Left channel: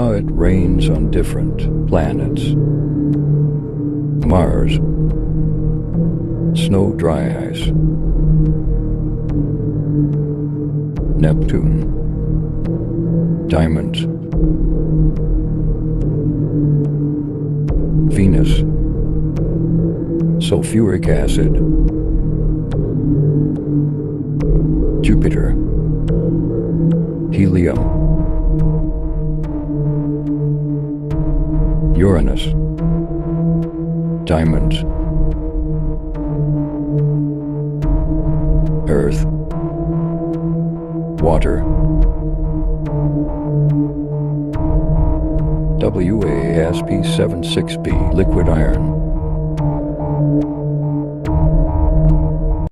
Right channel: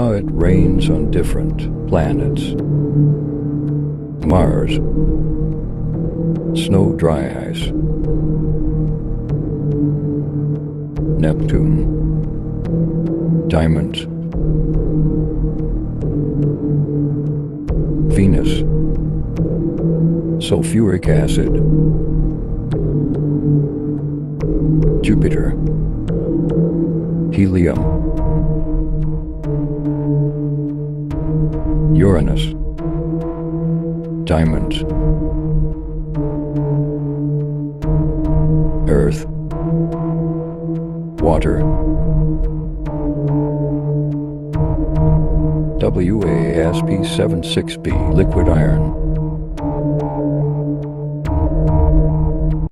How it rains on different planets. Mars, snow dry ice. Neptune, diamonds. Venus, sulfuric acid. Jupiter, helium. Uranus, diamonds. Earth, water. WASP-76b, liquid iron.